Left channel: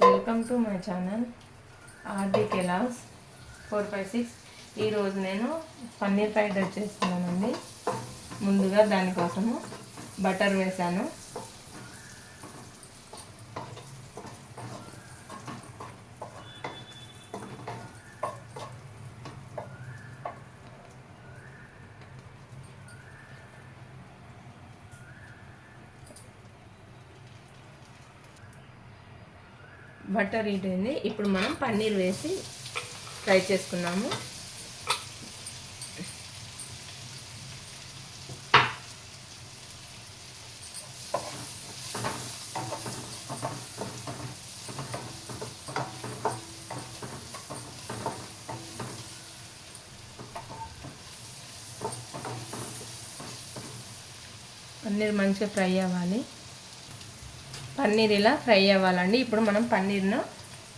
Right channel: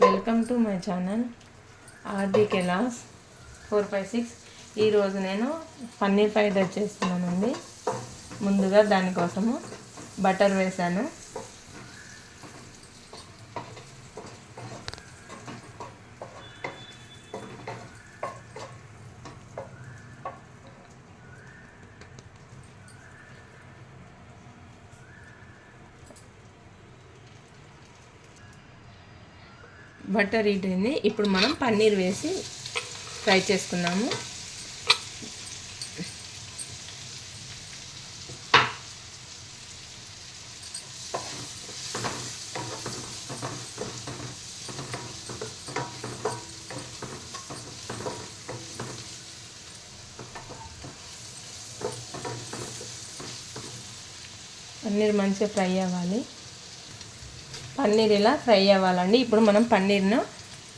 Welcome to my channel RD కెలాస్ four five six. ఈరోజు నేను paneer fried rice చేస్తున్నానండి ముందుగా దానికోసము బటర్ వేసాను బటర్ హీట్ అయింది ఇప్పుడు మనం పన్నీర్ వేసి ఫ్రై చేసుకున్నాము. పన్నీర్ మంచిగా ఫ్రై అవ్వాలి. పన్నీర్ ఇలా ఫ్రై అవ్వాలండి? ఇప్పుడు మనం పన్నీర్ను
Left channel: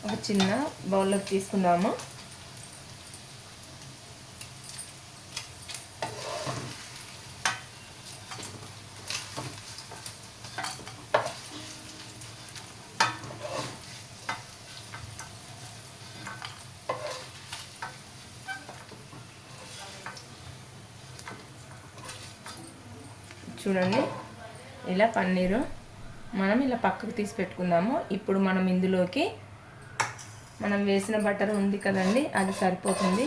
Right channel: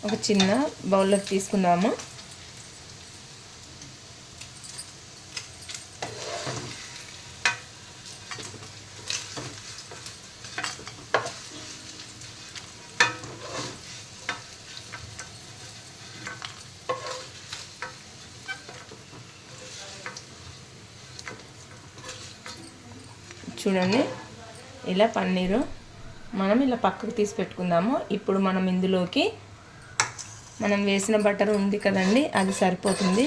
ఒక చిన్న బౌల్లోకి తీసుకుందాము. చూడండి ఇలా పన్నీరు మనం ఇలా పక్కకు తీసి పెట్టుకుందాము. ఇప్పుడు మనం ఇందులోకి మనం వేసిన బటర్ ఉంది కదండి అది సరిపోతుంది.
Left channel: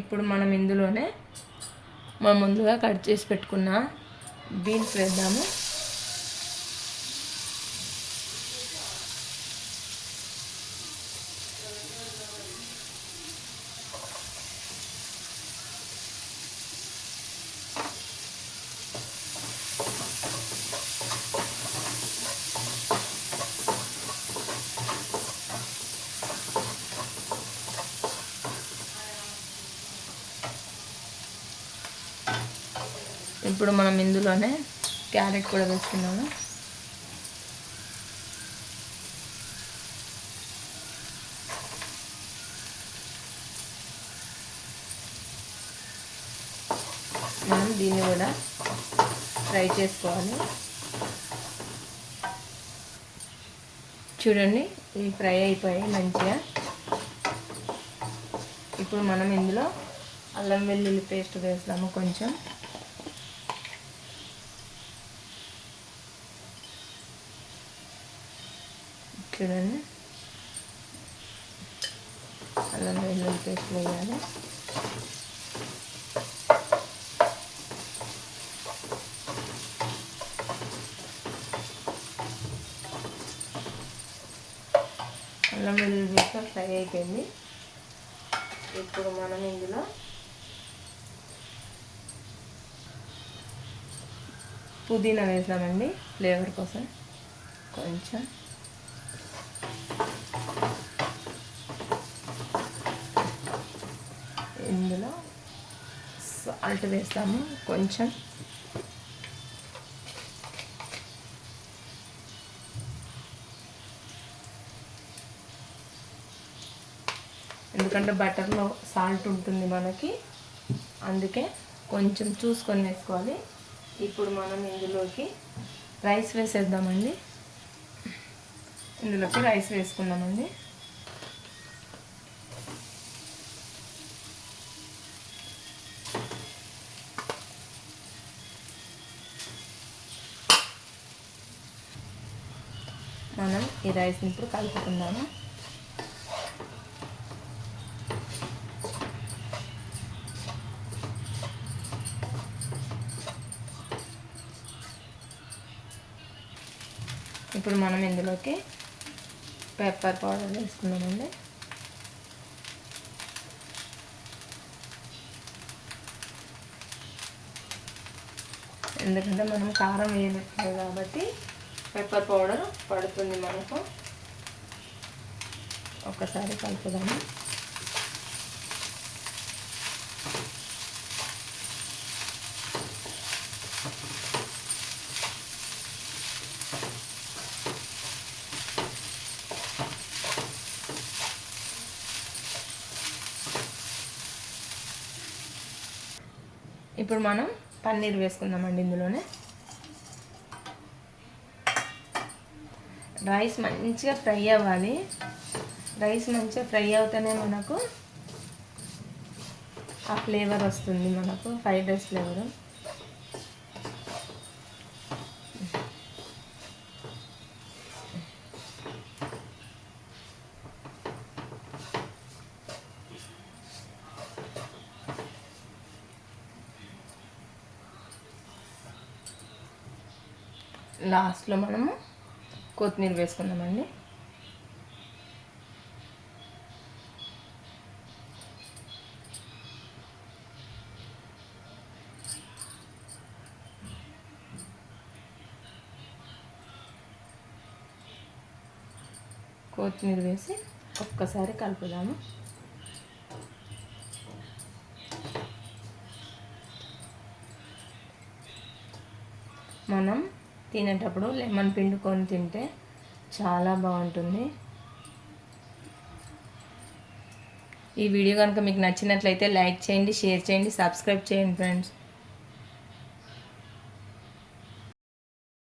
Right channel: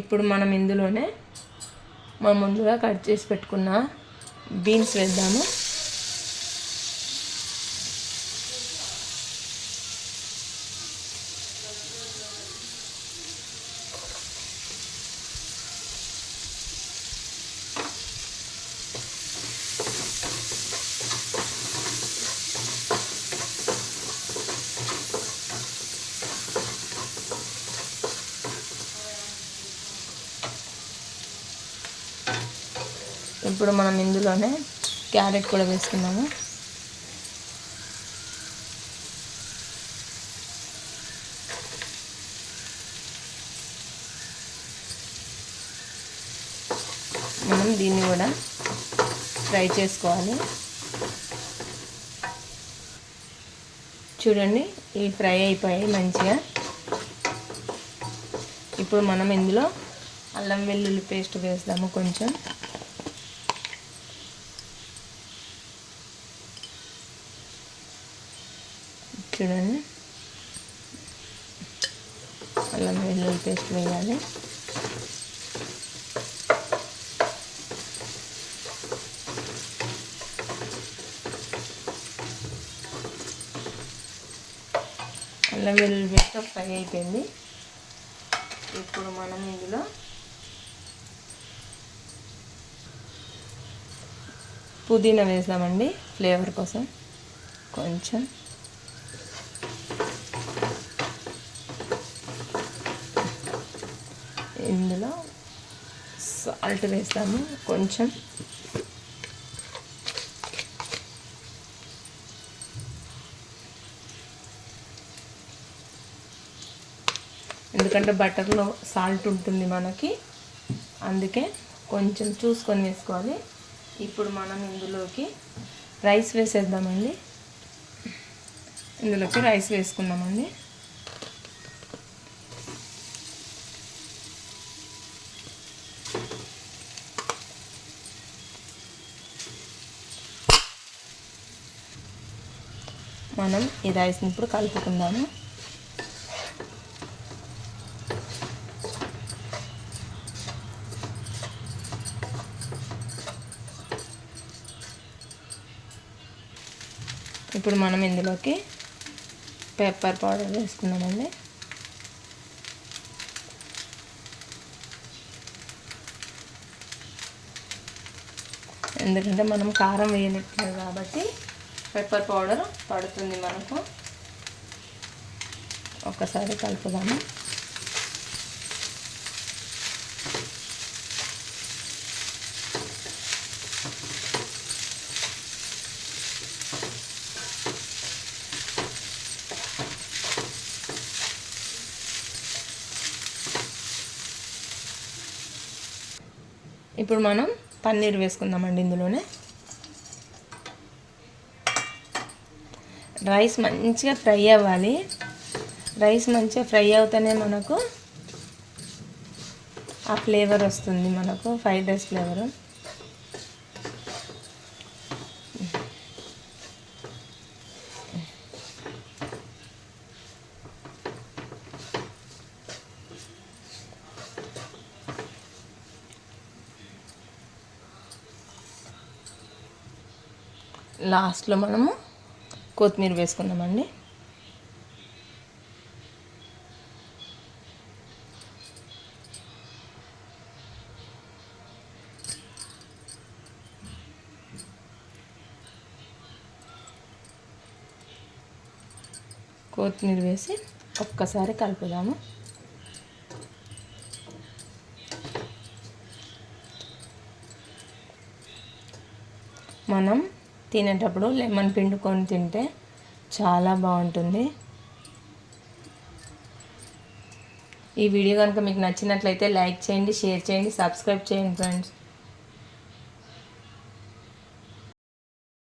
ఇప్పుడు మనం ఇందులోనే మనం ముందుగా కట్ చేసి పెట్టుకున్న బీన్స్ వేద్దాము. ఇప్పుడు మనం ఇందులోనే క్యారెట్ కూడా వేసుకున్నాము మనం దీన్ని కూడా ఫ్రై చేసుకోవాలి. చూడండి ఇవి ఫ్రై అయిపోయాయి మంచిగా. ఇప్పుడు మనం ఇందులో అల్లం వెల్లుల్లి పేస్ట్ వేస్తాము కొంచెం. చూడండి. అల్లం వెల్లుల్లి పేస్ట్ వేయాలి. అల్లం వెల్లుల్లి పేస్ట్ ఫ్రై అయిపోయింది. ఇప్పుడు మనం ఇందులో పుదీనా వేసామండి ఫ్లేవర్ కోసం. కొంచెం ఇందులో సాల్ట్ వేస్తాము కొంచెం. ఎందుకంటే బటర్లో సాల్ట్ ఉంటుంది మనకి. అందుకే కొంచెం చూసుకొని వేసుకోవాలి. ఇప్పుడు మనం ఇందులోకి రైస్ వేసేద్దామండి. ఇందులోకి రైస్ వేసుకుందామండి. మనం ఈ రైస్ని ఇప్పుడు కలుపుకుందాము. ఇప్పుడు మనం ఇందులోకి పెప్పర్ పౌడర్ వేసుకున్నామండి ఎందుకంటే మనం కారం వేయలేదు కాబట్టి పెప్పర్ పౌడర్ పడుతుంది మనకు. ఒకసారి కలుపుదాము. ఇప్పుడు మనం పన్నీర్ వేసుకుందామండి ఇందులోనే. రైస్ మంచిగా ఫ్రై అవ్వాలి. రైస్ మంచిగా ఫ్రై అవుతేనే మనకు ఆ ఫ్లేవర్ వస్తుంది మనకు ఫ్రైడ్ రైస్ ఫ్లేవర్. లాస్ట్లో మనము కొత్తిమీర వేసుకున్నామండి కొత్తిమీర వేసి ఒక్కసారి కలుపుదాము. మనం తినేటప్పుడు లెమన్ పిండుకొని తింటే చాలా బాగుంటుంది. ఈ వీడియో కనుక మీకు నచ్చినట్లయితే లైక్ చేయండి షేర్ చేయండి సబ్స్క్రైబ్ చేయండి ఫ్రెండ్స్.